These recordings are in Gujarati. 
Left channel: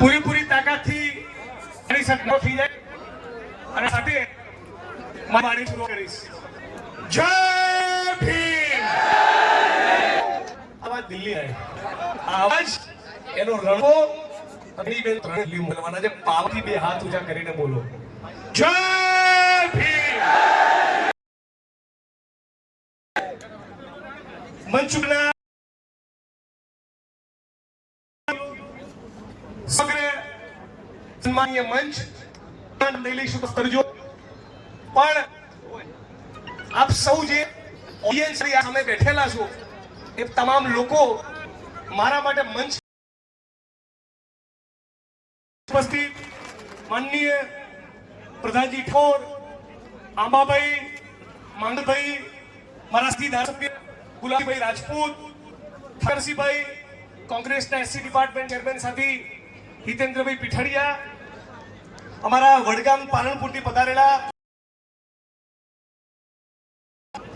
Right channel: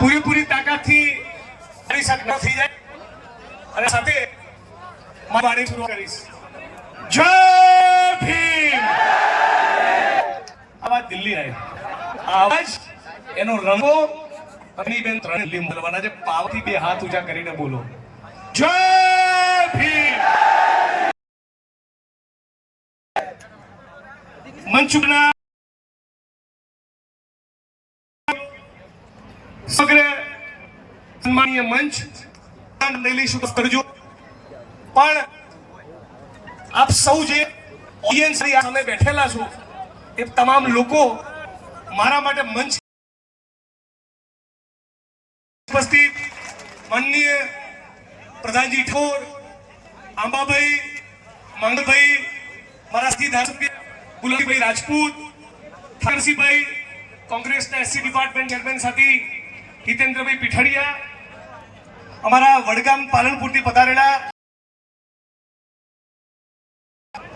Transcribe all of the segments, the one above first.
પૂરેપૂરી તાકાતથી મારી સાથે ન થઈ જાય અને સાથે મારી વાણી શરૂ કરીશ. જય ભીમ. આવાજ દિલ્હી રહે, આવાજ એનો રંગો અગ્નિબેન ત્રણ દિલ્હી બોલવાના છે. પાવથી બે હાથ ઊંચા કરીને બોલો જય ભીમ. મંચુકના સગરે સન્માનીય મંચ લઈશું કરજો, પણ આપ સૌ જે ઓડિયન્સ સામે બેઠેલા છો એ તમામ લોકો મારા માટે મંચ ઉપસ્થિત માનનીય પ્રધાનજી ઠોર, આંબાભાઈ, માંગલભાઈ, મારા સાથી ધારાસભ્ય ગુલાબભાઈ રાજપૂત, ઠાકરસિંહભાઈ, કોંગ્રેસના એસસી ડિપાર્ટમેન્ટ ચેરમેન સાથી હિતેન્દ્રભાઈ પીઠાડિયા, અમારા વડગામ પાલનપુરથી પધારેલા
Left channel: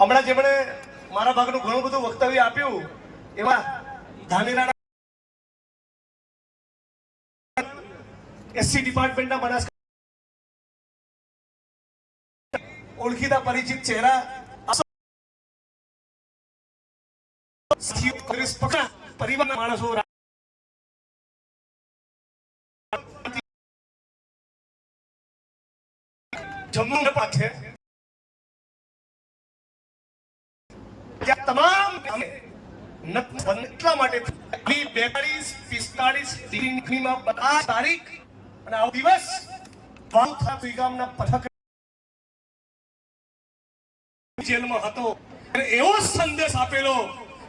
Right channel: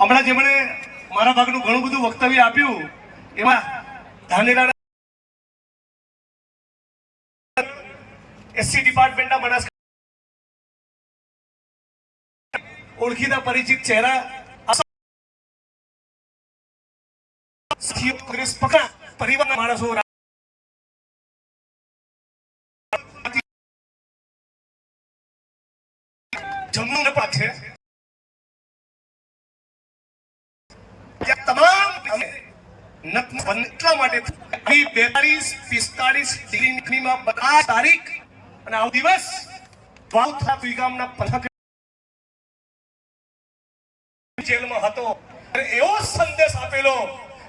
હમણાં જેમણે મારા ભાગનું ઘણું બધું વક્તવ્ય આપ્યું એવા ધાનેરાના એસસી ડિપાર્ટમેન્ટના માણસ ઓળખીતા પરિચિત ચહેરા કોંગ્રેસ પક્ષના પરિવારના માણસો જમ્મુ છે. તમામ એટલા માટે 42-45 ડિગ્રીમાં 50 તારીખ અને આ દિવસ ગામના પથક જેલમાં હતો અને એવો સંદેશ આપેલો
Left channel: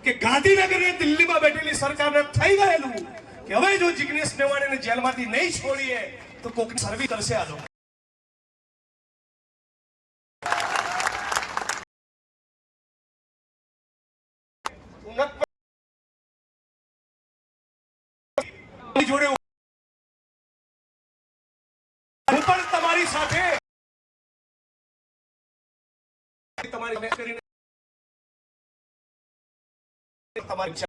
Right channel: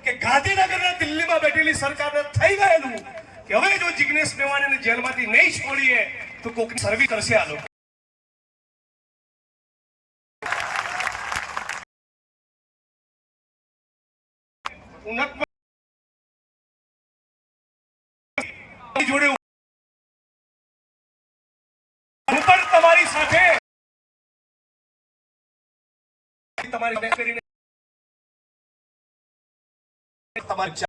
કે ગાંધીનગરના દિલ્હીમાં બેઠેલી સરકારને થઈ ગયેલું કે હવે જો જિગ્નેશ મેવાણીને જેલમાંથી નહીં છોડીએ તો કોઈક સર્વિસ કરશે આ લોકો. જોડે હું પણ તમારી સાથે તમારી કરીને તમારી છે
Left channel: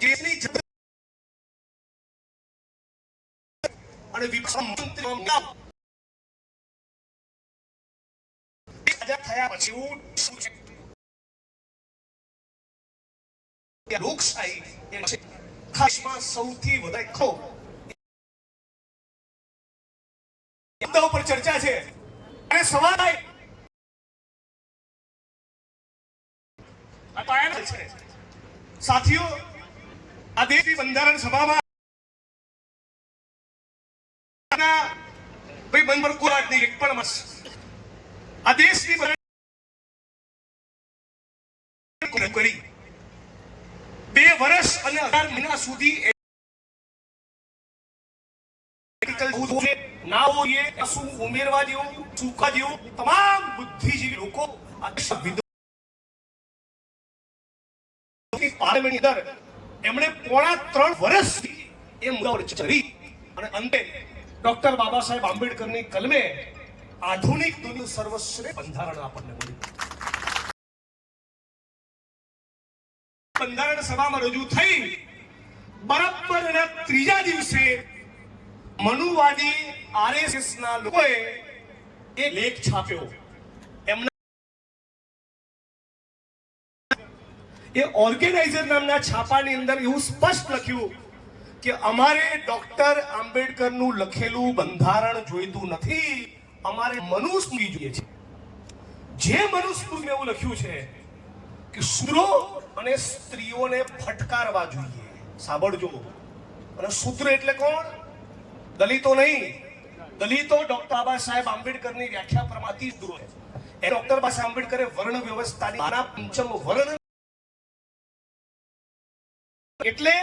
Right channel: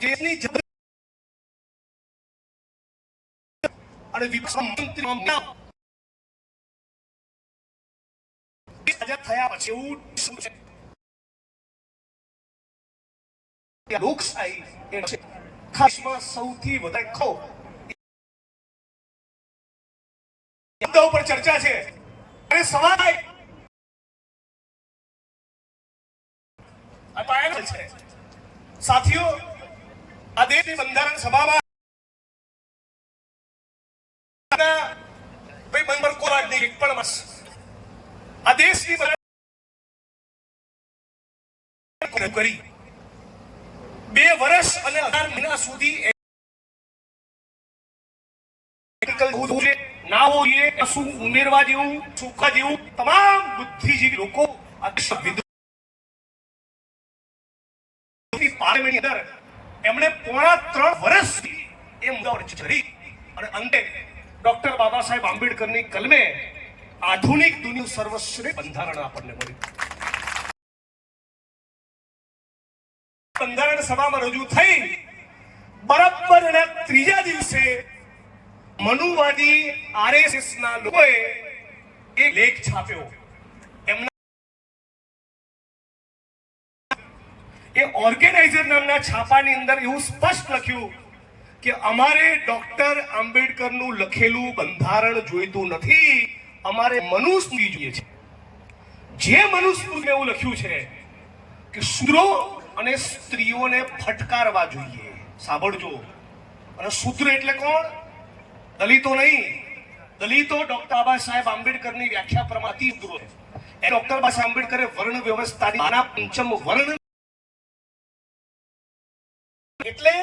દેશની અને થયા પછી એવું શું છે લોકશાહી ખાસમાં સૌથી વધારે ખો મુદ્દા ઉપર ચર્ચા છે અને સવાલ છે સાથીઓ, આ દેશની બંધારણ સભામાં ભાઈ બંધ પર કોઈ નહીં એક પણ આ દેશની કરી 2 વર્ષ અને 18 મહિના સુધી નાવો શું ઉમેરવા જેવું ચૂકવા જેવું તમામ બુદ્ધિજીવી લોકો પાર્લામેન્ટની અંદર એમણે પોણા 3 વર્ષ એ મુદ્દા પર ચર્ચા કરી અને અંતે ડોક્ટર બાબા સાહેબ આંબેડકરની કલમે આધુનિક દુનિયાનું સર્વશ્રેષ્ઠ બંધારણ આપણને મળ્યું. બંધારણ સભામાં રજૂ થઈ બરાબરના 3જા દિવસે મનુવાદી આરએસએસના લોકોએ એક લેખ છાપ્યો. એમના એ ઓર્ગેનાઇઝર નામના છાપાની અંદર એવું સ્પષ્ટ લખ્યું કે અમારે ડોક્ટર આંબેડકરનું લખેલું બંધારણ જોઈતું નથી, અમારે મનુસ્મૃતિ જોઈએ છે. જે મનુસ્મૃતિમાં એવું લખ્યું છે કે શૂદ્રો અને સ્ત્રીઓને ફટકારવા જોઈએ. સાંભળજો. અને શૂદ્ર એટલે કોણ? દલિતો નહીં. દલિતો ડોક્ટર બાબા સાહેબ આંબેડકરની વ્યાખ્યા પ્રમાણે શૂદ્રો છે. એ ડોક્ટર બાબા સાહેબ આંબેડકરે વર્ણ વ્યવસ્થાની પંચમ વર્ણ એટલે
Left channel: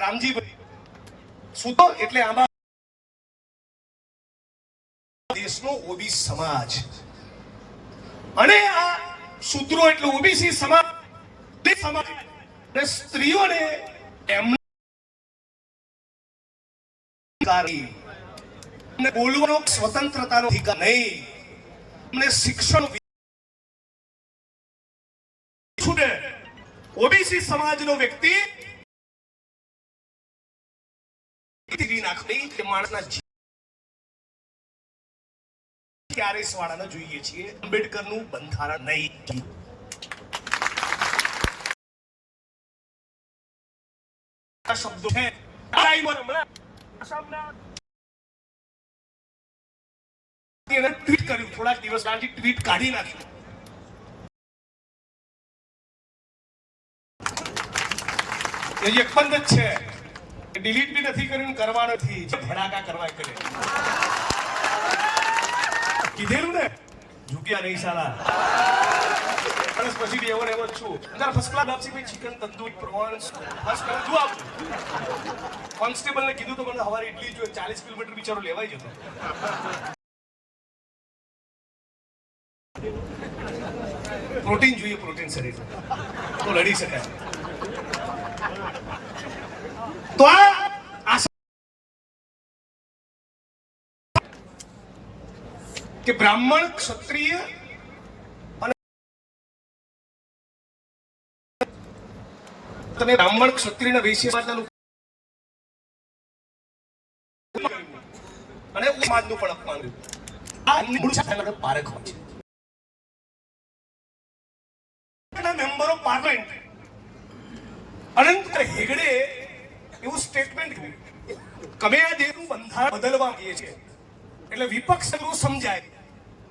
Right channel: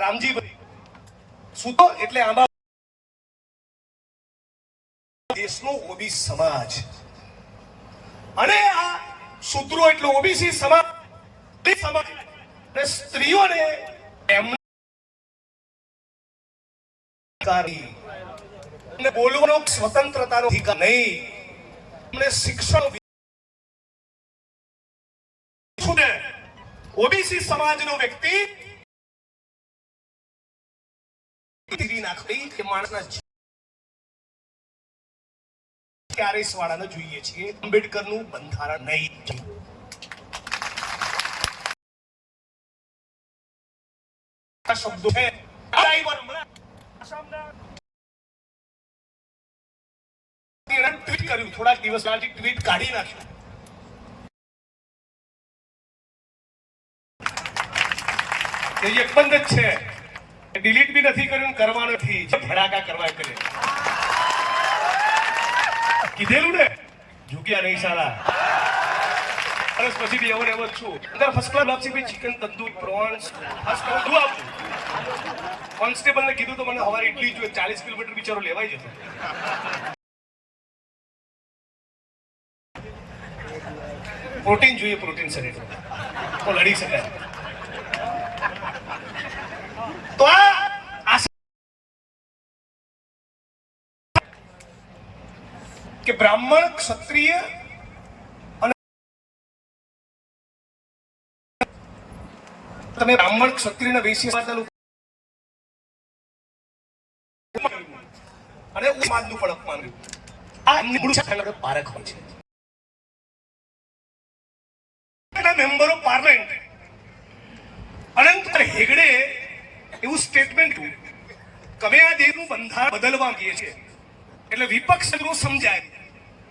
રામજીભાઈ શૂદ્રો એટલે આમાં દેશનો ઓબીસી સમાજ અને આ શૂદ્રો એટલે ઓબીસી સમાજ અને સ્ત્રીઓને એમના ને બોલવાનો સ્વતંત્રતાનો અધિકાર નહીં. અમને શિક્ષણ ઓબીસી સમાજનો વ્યક્તિ નાખી કે માણસના આરએસ વાળાને જોઈએ છીએ. આંબેડકરનું બંધારણ નહીં. શબ્દો છે ટ્વીટ કર્યું થોડાક દિવસ બાદ ટ્વીટ કાઢી નાખ્યું. એ એક બંધ જ છે. ડિલીટ બી નથી કર્યું, કરવા નથી, ભડાકા કરવા કરે. કીધેલું ને ઝૂક્યા નહીં સારા. બસ પછી બી એવો ને એવો જ છું. અંદર ફર્સ્ટ ક્લાસ લાપસી બી ચિકન તંદૂરી પ્રોન્સ ફર્સ્ટ ક્લાસ દુઆ આપું. કોન્સ્ટેબલને કીધું તો મને હવારે ઇડલી જોઈએ. 40 કિલોમીટર બિચારો લેવાઈ જતો. પ્રોટીન જોઈએ, પ્રોટીન શરીર તો લડી શકાય. તો આ કે બ્રાહ્મણ ક્ષત્રિય અને તમે બ્રાહ્મણ ક્ષત્રિય વૈશ્ય સમાજના લોકો અને સમાજનું પણ અપમાન કર્યું. આ મૂળ પારખ હોય છે. મેમ્બર ઓફ પાર્લામેન્ટ અનંત હેગડે એવું સ્ટેટમેન્ટ કર્યું કે અમે આ દેશનું બંધારણ બદલવા માંગીએ છીએ. એટલે વિપક્ષ સમજાય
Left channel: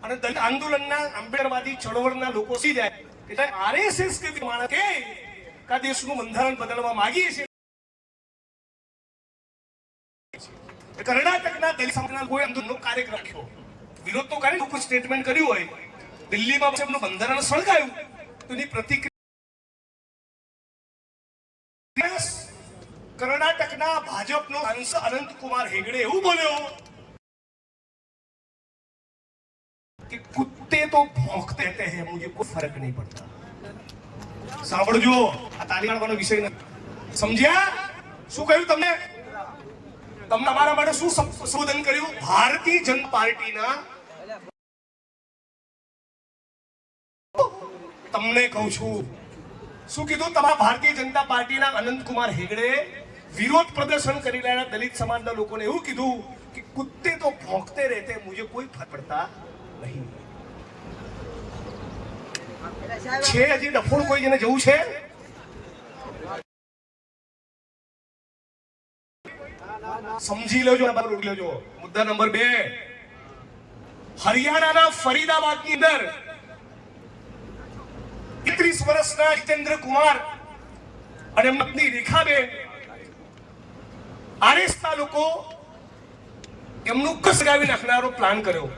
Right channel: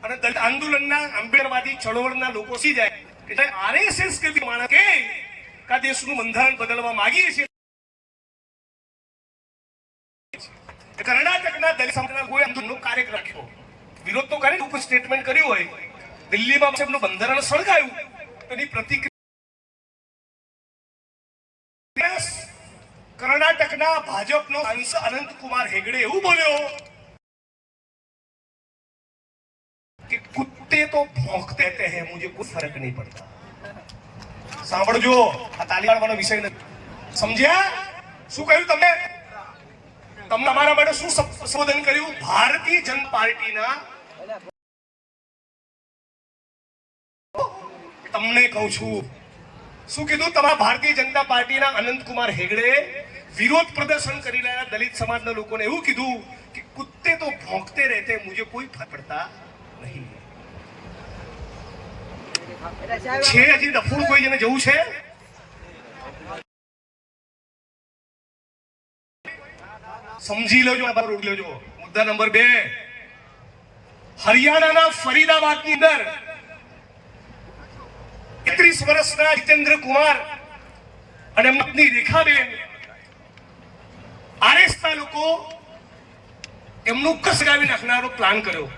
અને દલિત આંદોલનના આંબેડકરવાદી ચળવળના લોકો સમજી જાય એટલે આરએસએસ કે માણસ કે આ દેશનું બંધારણ બદલવા માંગીએ છીએ. કર્ણાટકના દલિત સમાજના કોઈ આંદોલનનો કાર્યક્રમ રાખ્યો. વિરોધ તો કરે, કોઈ સ્ટેટમેન્ટ કર્યું હોય. દિલ્હીમાં સાહેબનું બંધારણ સળગાયું તો એની પ્રતિક્રિયા કર્ણાટકના ભાજપનો સાંસદ અનંતકુમાર હેગડે એવું બોલ્યો कि कुत्ते तो भौंकते रहते हैं, मुझे कोई फर्क नहीं पड़ता. સાંભળજો, આ તાલીબાન વાળો વિષય નથી. સમજ્યા શું કહ્યું તમને? તમને અમારા માટે શું સંબોધન કર્યું? ભારતીય જનતા પાર્ટીના તમને કહું છું શું કીધું? તમારા ભારતીય જનતા પાર્ટીના અનંતકુમાર હેગડે વિરોધ પ્રદર્શન કરી રહેલા દલિત સમાજના લોકોને એવું કીધું કે કુત્તે તો ભોંકતે રહેતે, મુझे कोई फर्क पड़ता નહીં. છે હજી ડફોળ કોઈ જેને જવું છે? સમજી લેજો, રોકી લેજો. મુદ્દા નંબર 2, હરિયાણાના ફરીદાબાદની અંદર 31 વર્ષના જીતેન્દ્ર કુમાર અને એમની પત્ની રેખાબેન આરએસના લોકો એમનું ઘસગાવી નાખનારો પ્લાન કર્યો.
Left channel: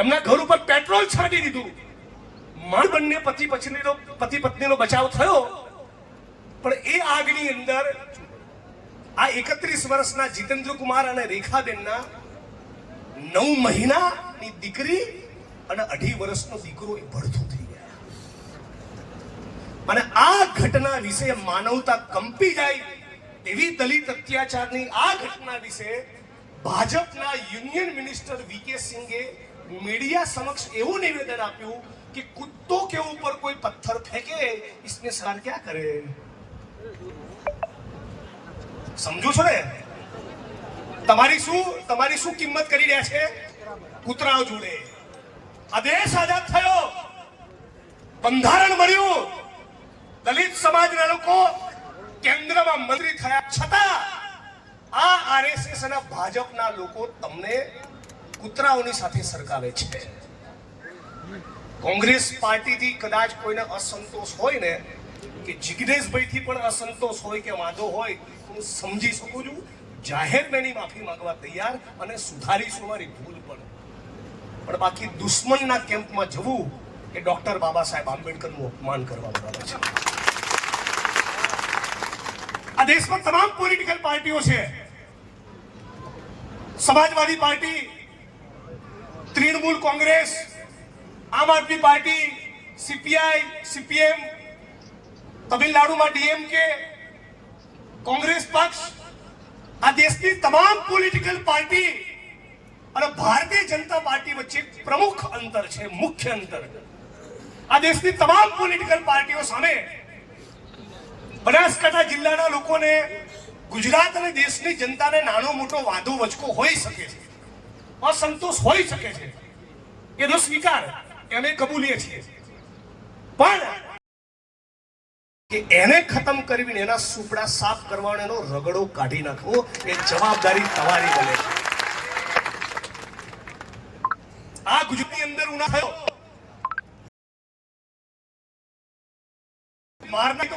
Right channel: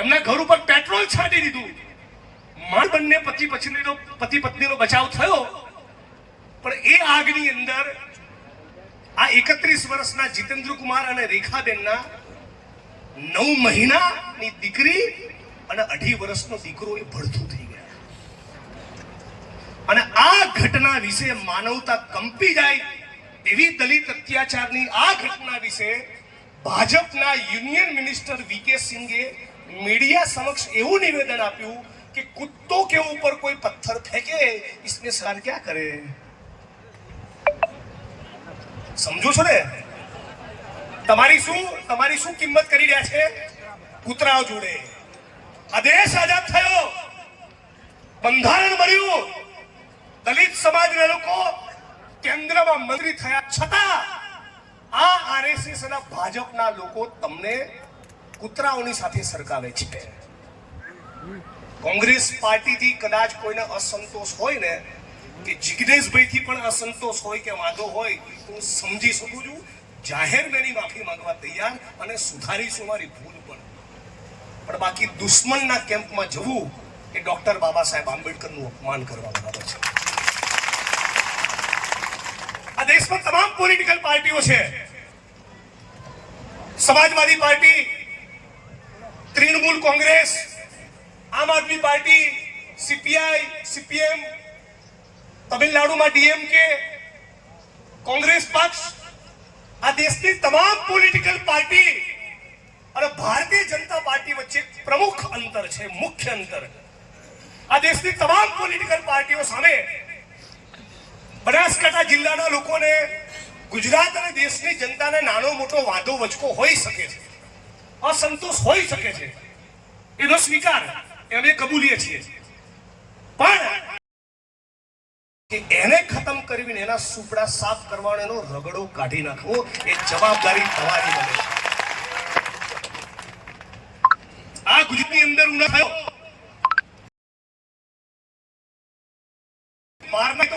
એમના ઘર ઉપર પેટ્રોલ છાંટી દીધું. માંડ બંને પતિ પત્નીનો બચાવ થયો, પણ એ આગની અંદર આ 31 વર્ષના જીતેન્દ્ર કુમાર અને રેખાબેનના 9 મહિનાની દીકરી અને 2.5 વર્ષનો દીકરો એ ભડથું થઈ ગયા. અને આ ઘટના વિશે માનવતા કંપી જાય એવી દલિત અત્યાચારની આ ઘટના વિશે ભાજપના યુનિયન મિનિસ્ટર વીકે સિંઘે मीडिया समक्ष એવું નિવેદન આપ્યું કે કુત્તો કે ઉપર કોઈ પથ્થર ફેંકે इसमें सरकार क्या करे? સમજો છો ને? તમારી શું કિંમત કરી રહ્યા છે કૂતરાઓ જોડે? આ દેશ આઝાદ થયો, બંધારણ મળ્યું, દલિત સમાજના લોકો કેન્દ્રમાં મંત્રી થયા, છતાં આ આરએસએસ અને ભાજપના લોકો તમને કૂતરાઓની સાથે સરકાવે છે. કોંગ્રેસ પાર્ટીથી કદાચ કોઈને અસંતોષ હોય ને, કે જિગ્નેશભાઈથી પણ અસંતોષ હોય કે વાંધો હોય તો હું સમજી શકું છું. જાહેર મેની માફી માંગવા તૈયાર અને સુધારીશું મારી ભૂલ પણ બાકી દુશ્મનના કેમ્પમાં જવું એ ડોક્ટર બાબા સાહેબ આંબેડકરનું અપમાન કરવા બરાબર છે. આ દેશમાં તમામ પોલિટિકલ પાર્ટીઓ છે. સમાજવાદી પાર્ટી, તૃણમૂલ કોંગ્રેસ, આમ આદમી પાર્ટી, સીપીઆઈ, સીપીએમ, તમિલનાડુમાં ડીએમકે, કોંગ્રેસ પક્ષ, આ દેશની તમામ પોલિટિકલ પાર્ટી અને ભારતીય જનતા પાર્ટી વચ્ચે પ્રમુખ અંતર છે, મુખ્ય અંતર. આ દેશની તમામ પોલિટિકલ પાર્ટીઓ સામે બનાસકાંઠા જિલ્લાના લોકોને, ગુજરાત અને દેશની જનતાના નાનો મોટો વાંધો વચકો હોઈ શકે છે, અસંતોષ હોઈ શકે છે, એનો સ્વીકાર અમે કબૂલીએ છીએ. પણ એને ખતમ કરીને એના સુપડા સાફ કરવાનો, એનો રગડો કાઢી નાખવો, એ જવાબદારી તમારી બને છે. આ ગુજરાતની અંદર ઉના થયો મારને તો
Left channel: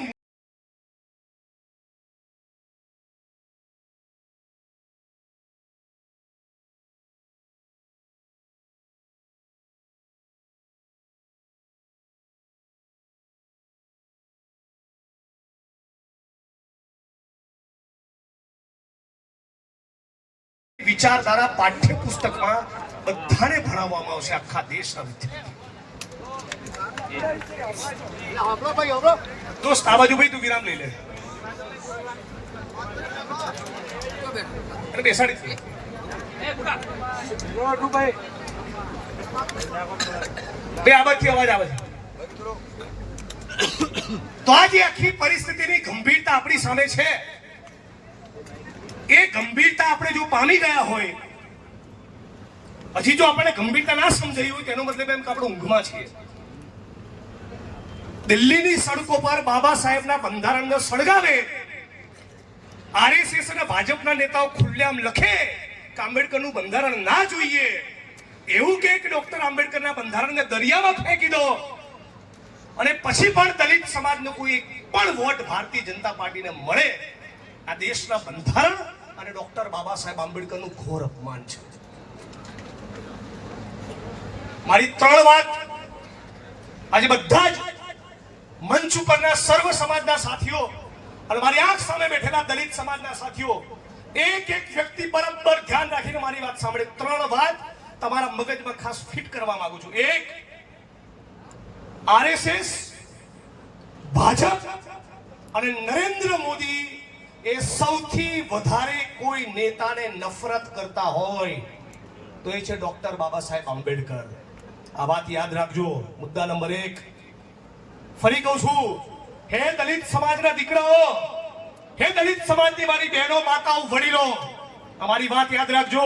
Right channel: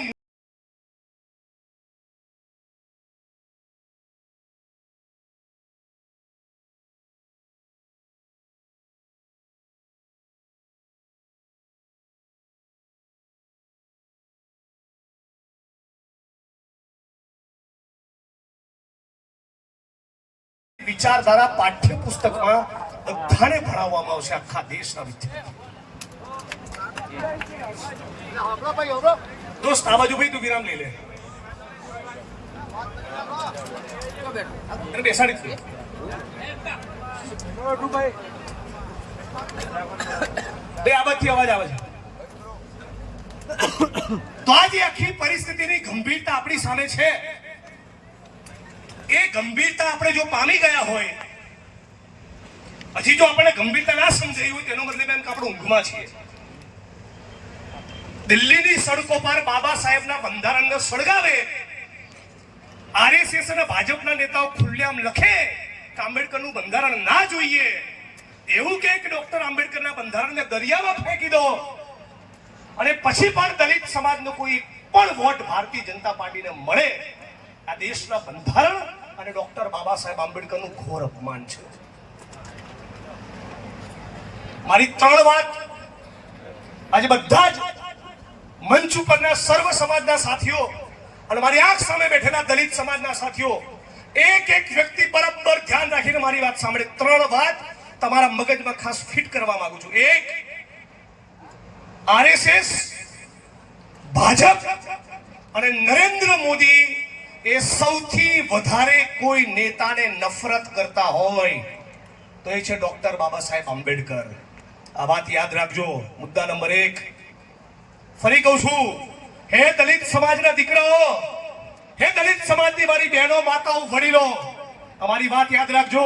વિચારધારા પાઠ્યપુસ્તકમાં બધાને ભણાવવામાં આવશે, આખા દેશના વિદ્યાર્થીઓ. દોસ્ત આ બાજુ ભાઈ તું વિરામ લઈ લે. બેસાડી ભાઈ, આ બાજુથી અવાજ આવે છે. તો આ જે આખી પરિસ્થિતિની ગંભીરતા આપણી સામે છે, એ ગંભીરતા આપણે જો પામી ગયા હોય, હજી જો આપણને ગંભીરતા ના સમજાઈ હોય, તેનો મતલબ એમ કે આપણે ઊંઘમાં છીએ. દિલ્હીની સડકો પર બાબા સાહેબના બંધારણને સળગાવે, આરએસએસ અને ભાજપના નેતાઓ ખુલ્લેઆમ લખે કે આંબેડકરનું બંધારણ ના જોઈએ, એવું કે ડોક્ટર આંબેડકરના બંધારણને દરિયામાં ફેંકી દો, અને પછી પણ દલિત સમાજનો કોઈ પણ વોટ ભારતીય જનતા પાર્ટીને મળે, આ દેશના બંધારણ અને ડોક્ટર બાબા સાહેબ આંબેડકરનું ઘોર અપમાન છે. મારી 3 વાત આજે બધા જ મંચ ઉપરના સર્વ સમાજના સાથીઓ અને મારી આંખ સામે બેઠેલા દલિત સમાજના સાથીઓ એક એક વ્યક્તિ બરાબર ધ્યાન રાખીને મારી વાત સાંભળે. 3 વાત તમારા મગજમાં ખાસ ફિટ કરવા માંગુ છું. 1, આરએસએસ, ભાજપ અને નરેન્દ્ર મોદી એ સૌથી વધારે કોઈ નેતાને નફરત કરતા હોય તો એ છે ડોક્ટર બાબા સાહેબ આંબેડકર. આ વાત યાદ રાખજો. મુદ્દા નંબર 1. ફરી કહું છું, હે દલિત સમાજના દીકરાઓ, હે દલિત સમાજની મારી બહેનો, માતાઓ, વડીલો, અમારી વાત યાદ રાખજો.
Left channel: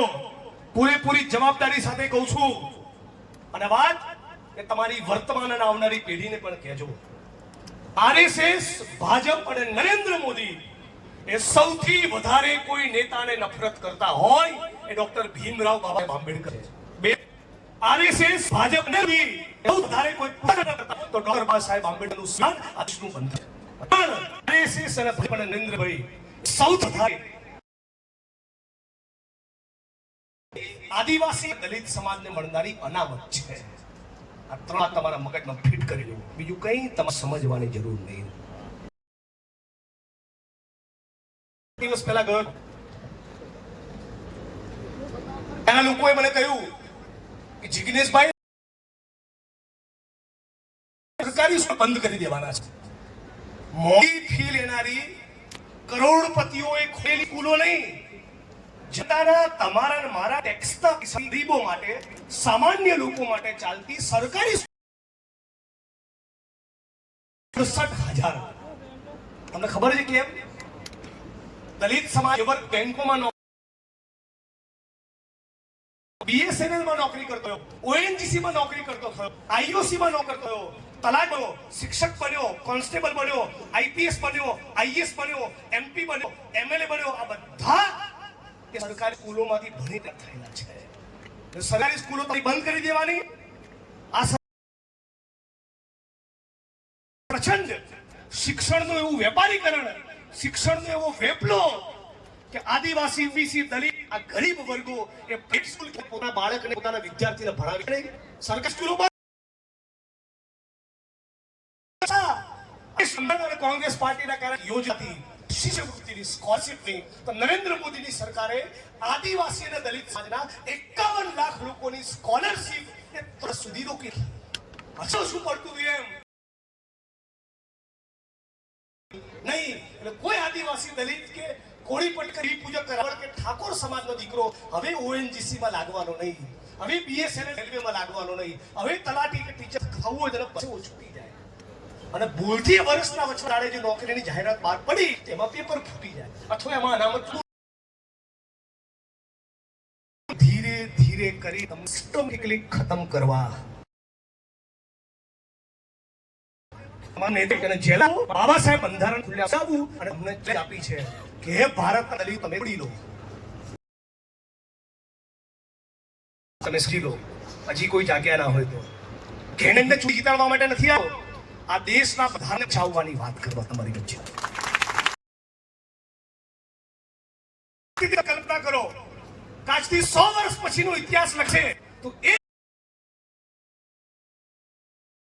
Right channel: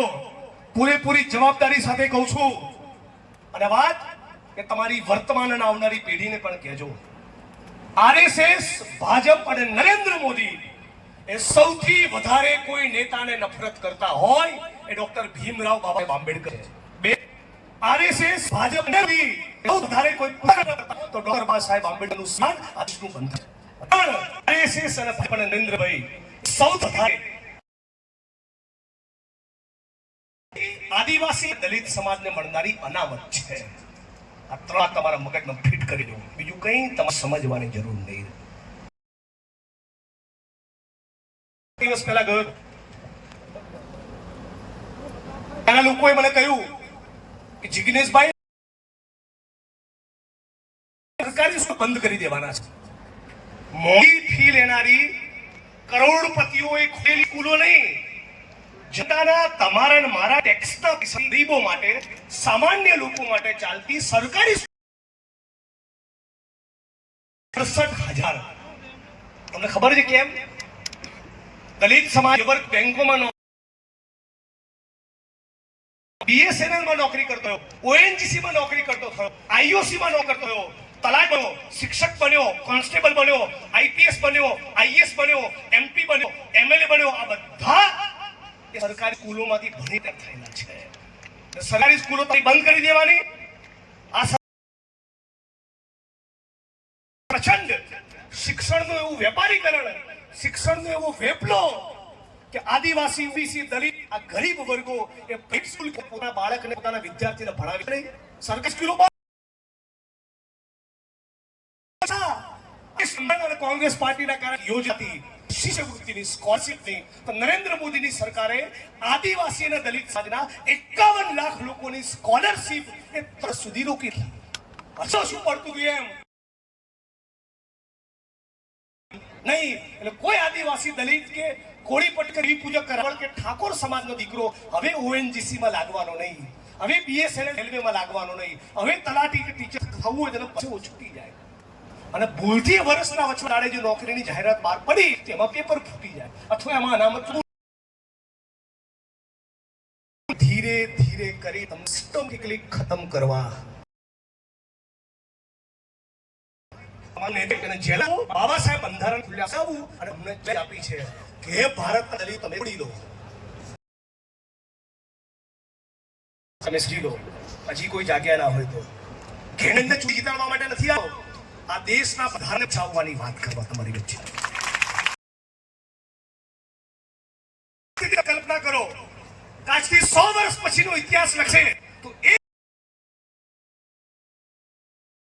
પૂરેપૂરી જવાબદારી સાથે કહું છું. અને વાત કે તમારી વર્તમાન અને આવનારી પેઢીને પણ કહેજો. આરએસએસ, ભાજપ અને નરેન્દ્ર મોદી એ સૌથી વધારે કોઈ નેતાને નફરત કરતા હોય એ ડોક્ટર ભીમરાવ બાબા આંબેડકર છે. 2, આરએસએસ, ભાજપ ને વધારે કોઈ તો ડોક્ટર બાબા સાહેબ આંબેડકરનું સ્થાન આજનું બંધ. આરએસએસ અને ભાજપ અને નરેન્દ્રભાઈ સૌથી વધારે આદિવાસી દલિત સમાજને મળનારી અનામત છે. આ 3 તમારા મગજમાં ફિટ કરી દો. બીજું કંઈ તમારે સમજવાની જરૂર નહીં. દિવસ પહેલા ગયો, એના લોકોએ મને કહ્યું કે જિગ્નેશભાઈ સરકારી સ્કૂલ બંધ કરી દેવાના છે. મોંઘી ફી લેનારી કરોડપતિઓએ ખોલેલી સ્કૂલો નહીં, જનતાના તમારા અને મારા ટેક્સના ગરીબો માટે, સામાન્ય લોકો માટે ચાલતી સરકારી 68,000. તમને ખબર છે કેમ? દલિત સમાજ બેંકોમાં, BSNL માં નોકરી કરતો થયો, ONGC માં નોકરી કરતો થયો, IOC માં નોકરી કરતો થયો, તલાટ બન્યો, શિક્ષક બન્યો, કોન્સ્ટેબલ બન્યો, IPS બન્યો, IS બન્યો, MP બન્યો, MLA બન્યો. આ બધા એ સરકારી સ્કૂલોમાંથી ભણી થયેલા છે. સરકારી સ્કૂલો બંધ કરી દેવાની. આ પ્રચંડ શિક્ષણનું એવું વેપારીકરણ, શિક્ષણનો એવો વેપલો કે આદિવાસી, ઓબીસી, દલિત, આ ગરીબ વર્ગો એ સ્કૂલ પોતાના બાળકને, પોતાના વિદ્યાર્થીને ભણાવી નહીં. સરકારી સ્કૂલો કોંગ્રેસ પાર્ટીના કારણે યોજાતી શિષ્યવૃત્તિની, સ્કોલરશીપની, તો નરેન્દ્ર મોદીની સરકારે આદિવાસી અને દલિત સમાજના 51 લાખ લોકોની સ્કોલરશીપ એ સુધી રોકી. હશે શું પડતું એમ નહીં. એટલે કોઈ આદિવાસી, દલિત કે કોળી પટકર પૂજક કરાવળ કે ઠાકોર સમાજનો દીકરો હવે ઓએનજીસી માં લાગવાનો નહીં, હવે બીએસએનએલ રેલવેમાં લાગવાનો નહીં, હવે તલાટી કે ટીચર થવું હોય તો પછી છૂટી જાય અને ભૂલથી વર્ષના વચગાળે જો નોકરીની જાહેરાત બહાર પડી તેમાં પેપર ફૂટી જાય અથવા એમાં અનામત ધીરે ધીરે કરી સિસ્ટમેટિકલી ખતમ કરવા બાબા સાહેબ બંધારણ અને અમને આપી છે કે ભારતના દલિત તમે છોડી લો, તમે સમજી લો, હજી કોઈ જાગ્યા ના હોય તો એને જીતાડવા માટે નથી આવો, આ દેશના બંધારણ ચાવવાની વાત કરવા તમારી વચ્ચે કલ્પના કરો આજથી 100 વર્ષ પછીનો ઇતિહાસ લખશે તો એ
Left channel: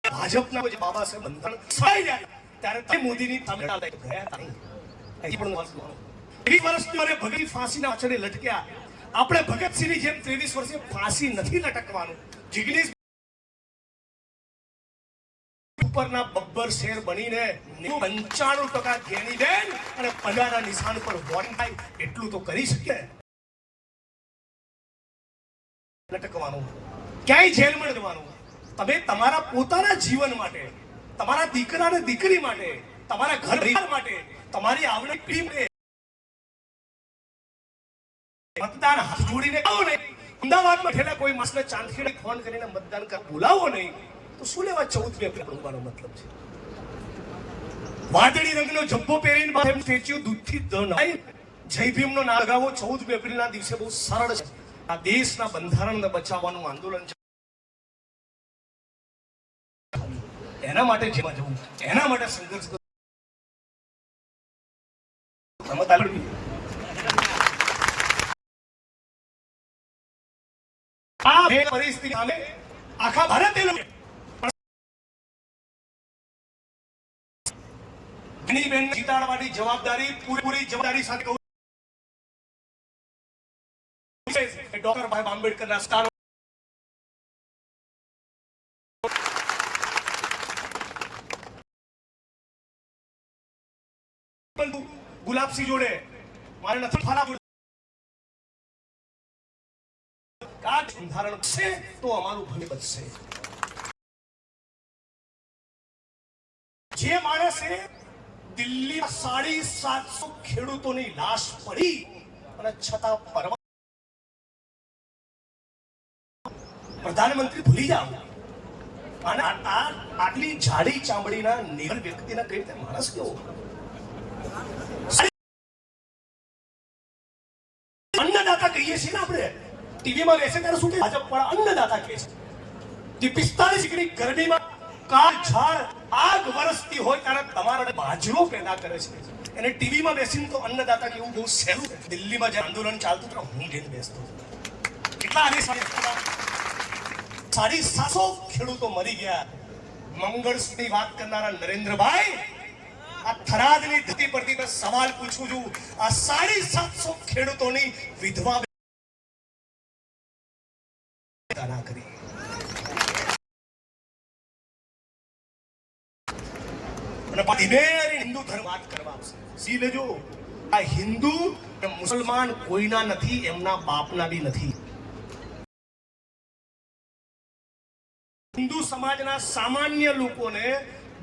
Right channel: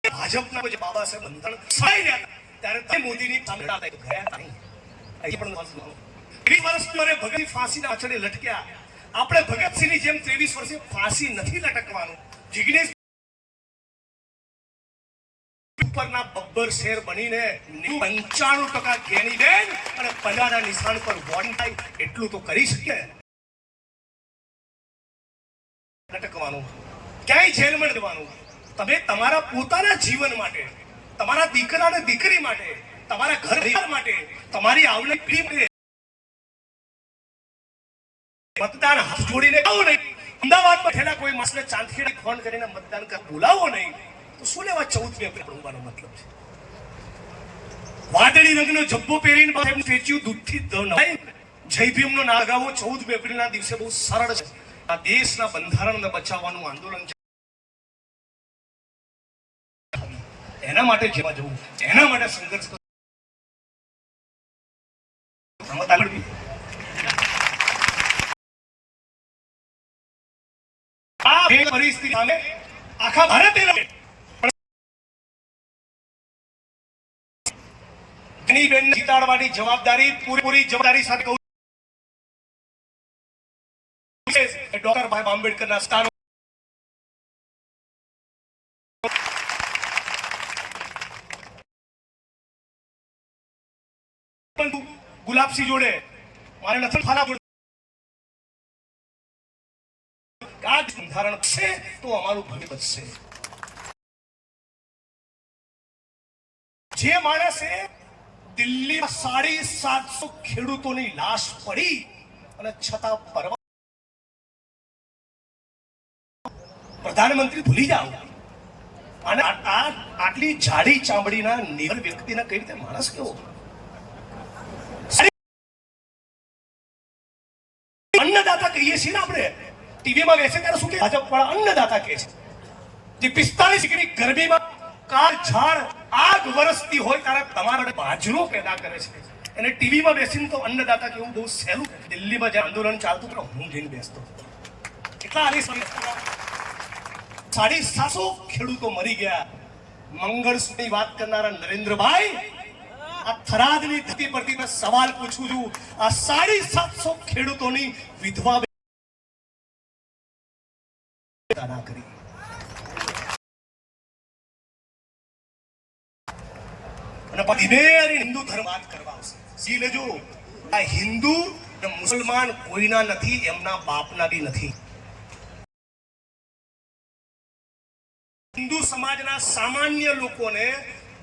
ભાજપના જે બાબા સાહેબ બંધારણ સહાય જાય ત્યારે તે મોદીની સામે ગયા નહીં. પણ 20 વર્ષની ભગત ફાંસીના આંચળે લટક્યા, આપણે ભગતસિંહની જેમ 23 વર્ષે ફાંસી નથી લટકવાનું. જિગ્નેશ ઉપરના બબ્બર શેર બનીને 95% ગેની બેન અને પન્નાના નિશાન પર વોન થાય એટલું તો કરી શકે. લટકવાનું ક્યાંય જેલમાં જવાનું, તમે તમારા પોતાના જીવન માટે, તમારા દીકરા અને દીકરી માટે, તમારા ઘર માટે, તમારી આવનારી પેઢી મતદાન હાથ જોડીને આવો નહીં. અમદાવાદમાં ઠેલા કોઈ માણસને ચાંદખેડે ફોન કરીને મતદાન કરવા બોલાવો નહીં તો શું લેવા 14 એપ્રિલ બોલવાનો મતલબ છે? વાદળી રંગનો જબ્બો પહેરીને સાહેબનું સ્ટેચ્યુ દૂધથી નવાય જય ભીમનો નાદ ગાવો 14 એપ્રિલના દિવસે બહુ સરળ છે. આ દેશના બંધારણને બચાવવાનું આંદોલન છે, એના માટે જેવા જવું, એના માટે સંઘર્ષ કરવો. આ પરિસ્થિતિ સામે આખા ભારતે જીતાડવાની જવાબદારી પૂરી જવાબદારી સાથે કહું ડોક્ટર બાબા આંબેડકરના સ્થાન ગુલાબસિંહ જોડે મારે નથી ફાલા બંધારણ છે તો અમારું ભવિષ્ય બચશે. જે માણસે દિલ્હી 750 ખેડૂતોની લાશ પડી અને છતાં પ્રધાનમંત્રી ભૂલી જાવ અને આટલી જાડી ચામડીના નિર્ભર વ્યક્તિને કઈ રીતે માણસ કેવો? અન્નદાતા કહીએ છીએ ને આપણે, ટીવીમાં બેસે ત્યારે શું કે ભાજપ વાળા અન્નદાતા કહે છે. જે 45 ડિગ્રી ગરમીમાં કાર ઝાડ આગ વરસતી હોય ત્યારે તમારા બાજરો પેદા કરે છે, એને ટીવીમાં બેસીને તો અન્નદાતા કેવું બહુ સહેલું. દિલ્હીમાં જે આંદોલન ચાલતું તો હું જઈને બેસતો, કેટલા આવે 750 ખેડૂતો મરી ગયા. મંગળસૂત્રની વાત કરનારા નરેન્દ્રભાઈ, આ થરાદની ધરતી પરથી મેં સવાલ પૂછું છું, આ 750 ખેડૂતોની વિધવા ના કરી. અને હિન્દુ ધર્મ વાત કરવા આવશે. સી લેજો, આ હિન્દુ મુસલમાન કોઈના નથી, એમના બાપના બી નથી. હિન્દુ સમાજના સામાન્ય લોકોને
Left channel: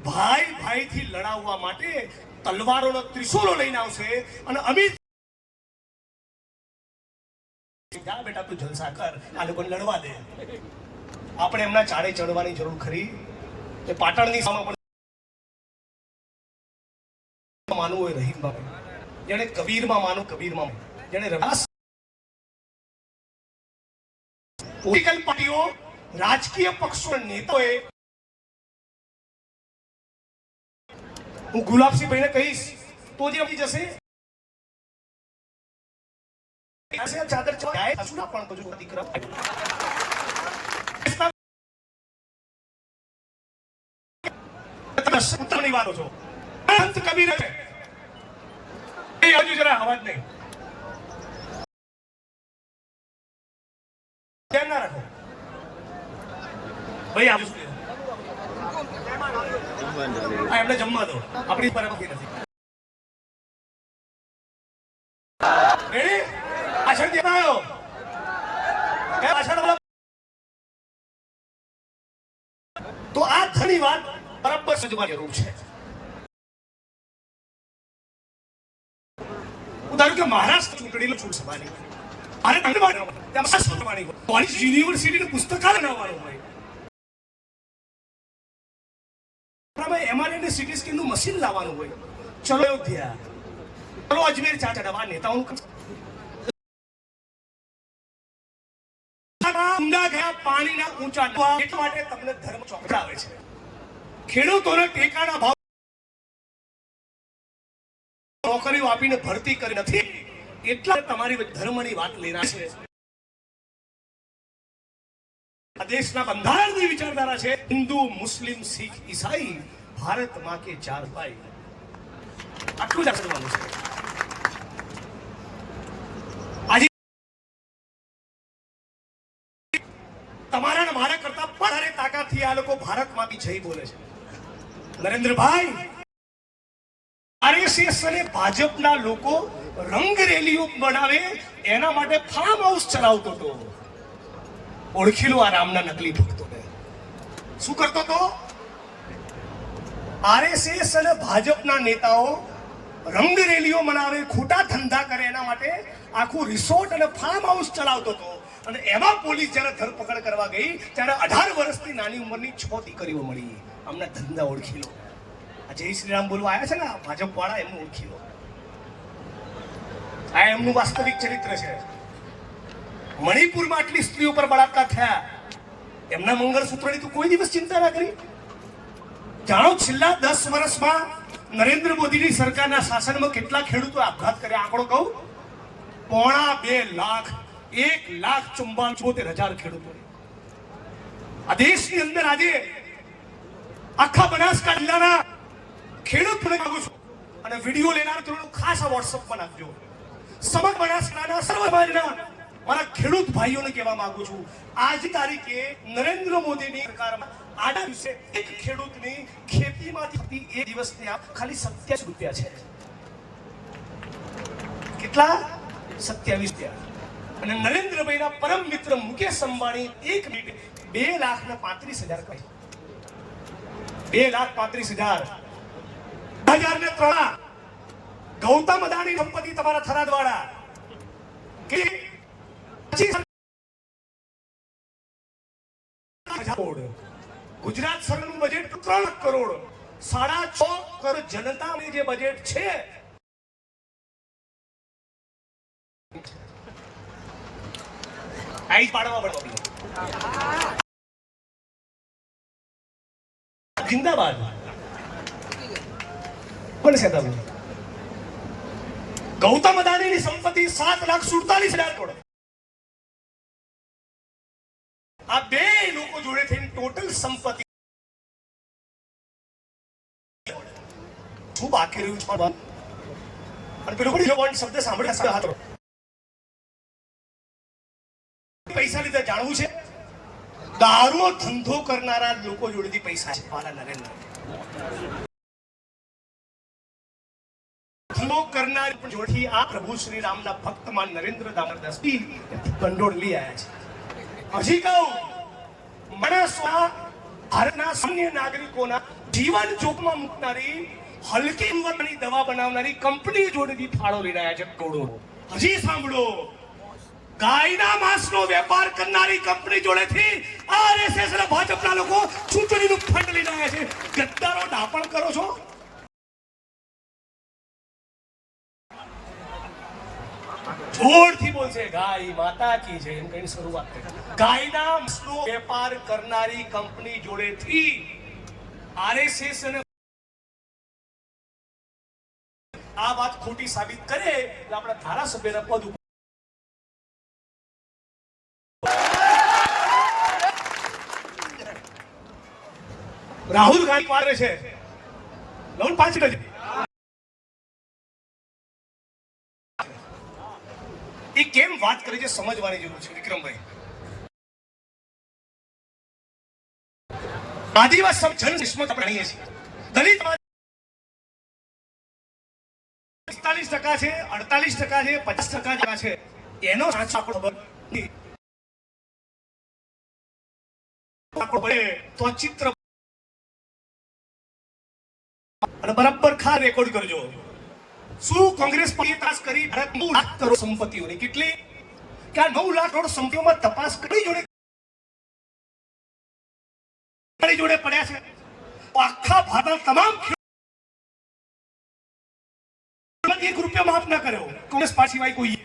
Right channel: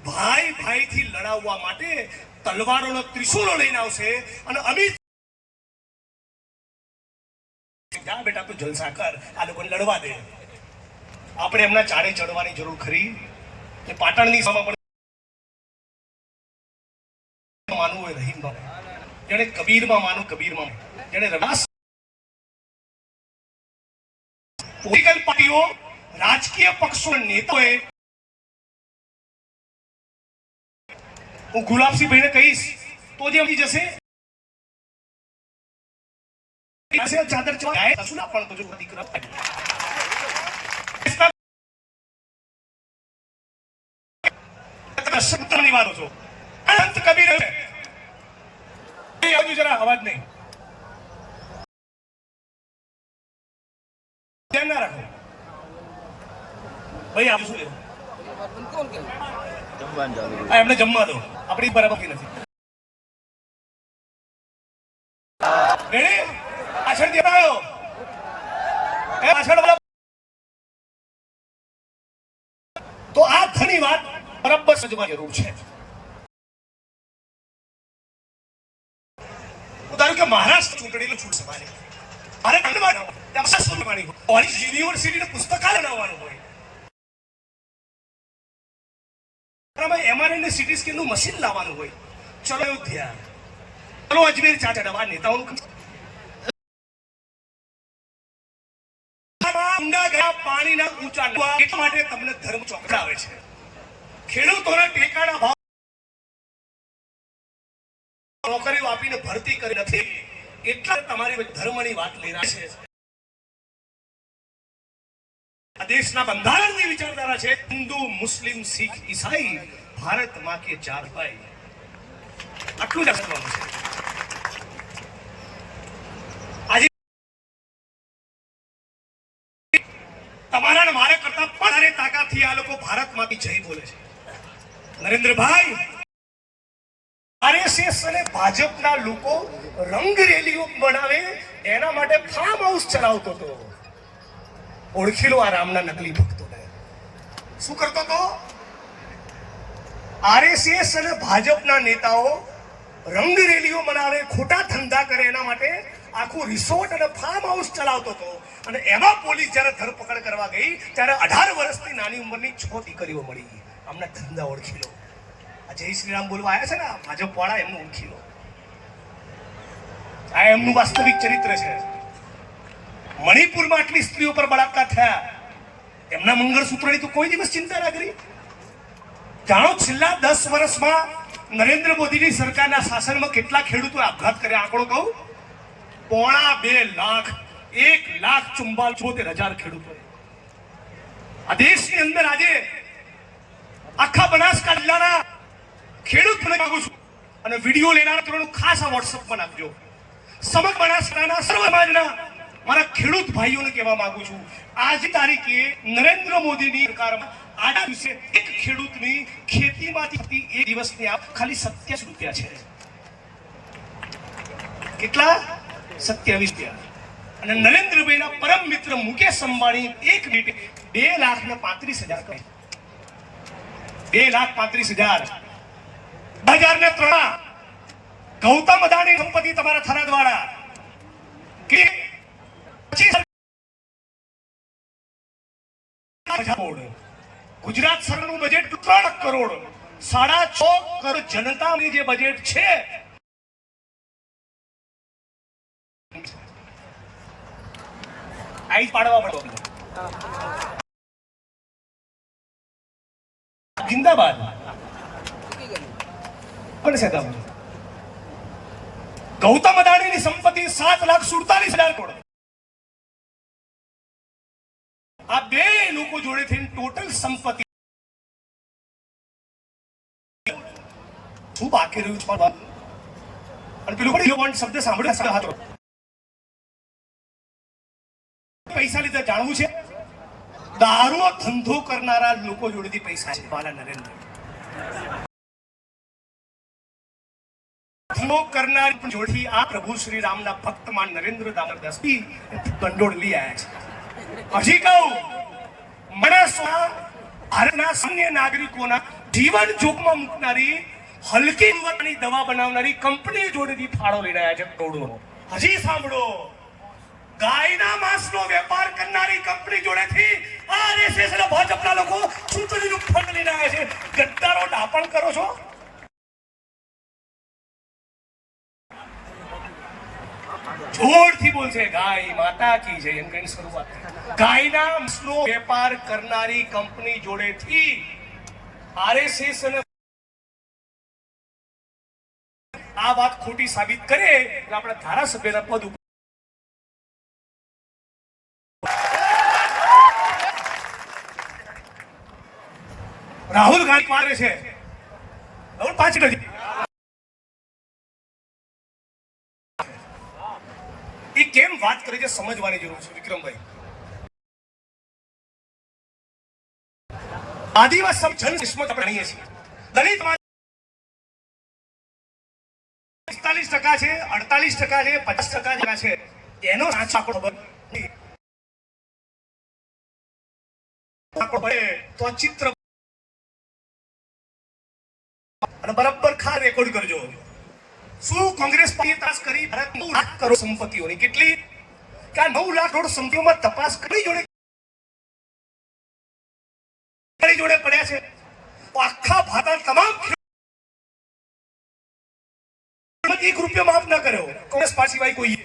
ભાઈ ભાઈથી લડાવવા માટે તલવારોનો ત્રિશૂલો લઈને આવશે અને અમિત જા બેટા તું જલસા કર, આ લોકોને લડવા દે. આપણે એમના ચારે ચડવાની જરૂર ખરી? કે પાટણની સમા માનવું હોય રહીમમાં, જેને કબીરમાં માનું કબીરમાં, જેને રવાસ પોલિટિકલ પાર્ટીઓ રાજકીય પક્ષો નેતાઓએ, હું ગુલાબસિંહ ભાઈને કહીશ તો જે આવી જશે ચાદર ચવાય શું ના પણ બધું દીકરા ઉત્તરની વાતો છો. સંત કબીર જરા અવાજ નહીં ધ્યાન ના રાખો ભાઈ. આપણે શું એમને જમવા દો, આપણી બરાબર નથી. તો આ ઘણી વાત બરાબર સમજવાની જરૂર છે. ઉદાહરણ કે મહારાષ્ટ્ર ચૂંટણીનું છૂટ સભાની મારે કોલેજ યુનિવર્સિટીનું પુસ્તકાલય બનાવવાનું હોય, એમઆરએન સિટી સ્કેનનું મશીન લાવવાનું હોય, ચલો અયોધ્યા, ચલો અજમેર ચા ચડાવવા નેતાઓનું પાણીના ઊંચા એટલા માટે તમને ધર્મ ચોંકાવે છે. ખેડૂતોને ટેકાના ભાવ નોકરીઓ આપીને ભરતી કરી નથી, એટલા તમારી ધર્મની વાત લઈ રહ્યા છે. દેશના બંધારણની વિચારધારા છે હિન્દુ, મુસ્લિમ, શીખ, ઈસાઈ, ભારત માં કે 4 ભાઈ. આટલું જ સમજવાનું છે. આજે તમારા મારા કરતા વધારે તાકાતથી આ લોકો ભારતમાંથી જઈ બોલે છે. નરેન્દ્રભાઈ, આરએસએસ અને ભાજપના લોકો રંગ રેલીઓ બનાવે એના માટે ફાર્મ હાઉસ ચલાવતો હતો. ઓળખી લો આ રામના નકલી ભક્તોને. શું કરતો હતો? આરએસએસ અને ભાજપના નેતાઓ રંગ રેલીઓ મનાવે, ખોટા ધંધા કરે, એના માટે આખું રિસોર્ટ અને ફાર્મ હાઉસ ચલાવતો હતો. અને એમાં પોલીસ જયારે ધરપકડ કરવા ગઈ ત્યારે 18 વર્ષની નાની ઉંમરની 6 દીકરીઓ મળી. આમના ધંધા ઓળખી લો. આ જય શ્રી રામ બોલવા આવ્યા છે ને ભાજપ વાળા, એમનું ઓળખી લો. આ એમનું વાસ્તવિક ચરિત્ર છે. મણિપુરમાં આટલી સ્ત્રીઓ પર બળાત્કાર થયા, એમના મંગળસૂત્રની તો કોઈ દિવસ ચિંતા ના કરી. જાણો છેલ્લા 10 વર્ષમાં નરેન્દ્ર મોદીની સરકારના શાસનમાં કેટલા ખેડૂતોએ આપઘાત કર્યા? આંકડો કહું, 2.5 લાખ, 1,74,000 ખેડૂતોએ. આ દેશની અંદર આજે આખા બનાસકાંઠા જિલ્લાના ખેડૂત માંગુ છું અને વિડીયો લેનારા તમને ખાસ આ વોટ્સઅપમાં નાખજો. સમગ્ર બનાસકાંઠાના સર્વ સમાજના મારા ખેડૂત ભાઈઓને કહેવા માંગુ છું, આજની તારીખે નરેન્દ્ર મોદીની સરકારમાં આજના દિવસે એક ખેડૂતની ખેતીમાંથી એક દિવસની આપ ખાલી 27 રૂપિયા છે. કેટલા? 27 રૂપિયા. અને નરેન્દ્રભાઈના પરમ મિત્ર મુકેશ અંબાણી એક મિનિટે 2,35,000 કહે. 2,35,000. 2003 ગૌતમ અદાણી સંપત્તિ તમારા થરાદ વાળા કે 25 કરોડ, ગુજરાત સરકારનું બજેટ 3 કરોડ, 6.5 કરોડ જનતાનું જે બજેટ છે આઈ પાડવા પડો. જિંદાબાદ કોણ છે તમને? ગૌતમ અદાણીની સંપત્તિ 7,47,000 કરોડ. આ બે લોકો જોડે થઈને ટોટલ સંપત્તિ શું બાકી રહ્યું છે? અને પેલું પણ શબ્દ સાંભળ્યો, પૈસા લીધા જાણવું છે? દારૂ ધંધો કરનારા લોકો જોડેથી પૈસા છે. મારા નરેન્દ્ર ધંધો કરનાર જોડથી આ પ્રભુ શ્રી રામના ભક્તમાન નરેન્દ્ર દામોદરદાસ ભંડોળ લઈ આવ્યા છે. હજી કહું, મનસમાં ભારતના સામાન્ય નાગરિકોના જીવન જોખમમાં મૂકનારી હલકી જીવનની દવા બનાવનારી કંપની જોડેથી ફાળો લઈ રહ્યા છે કરોડોનો. હજી સાંભળો, ગાયના માંસનો વેપાર કરનારી કંપની જોડેથી આરએસએસ અને ભાજપના લોકો ચૂંટણીનું ફંડ લઈને આવ્યા છે. ગદ્દારો ડાપણ કરો છો. જોરથી બોલશે ગાય માતા કી જય એમ કઈ શરૂઆત કરી. ગાયના માંસનો વેપાર કરનારી કંપની જોડેથી આરએસએસ અને આ વાત ખોટી સાબિત કરે એટલે આપણે ધારાસભ્યના પદ ઉપર રાહુલ ગાંધી પાડે છે. પાછી નથી એ કેમ વાત કરે છે સમજવાની જરૂર છે. વિક્રમભાઈ, આદિવાસી જન કિસ્મત આપણે જાણીએ છીએ. દલિત 45% છે, 48% છે, 50% છે. એનો સાચો આંકડો તો ચિત્ર અને બરાબર ખા રેકોર્ડ કરજો. શું કોંગ્રેસ પાર્ટીએ તપાસ કરી? 9 લાખ કરોડ સંપત્તિઓની. કેટલી? કે 9 લાખ કરોડ સંપત્તિઓમાં તપાસ કરી જોડે પડ્યા છે. આખા ભારતના તમામ ₹1 માફ ના કર્યો કોંગ્રેસ પાર્ટી સિવાય કોઈ,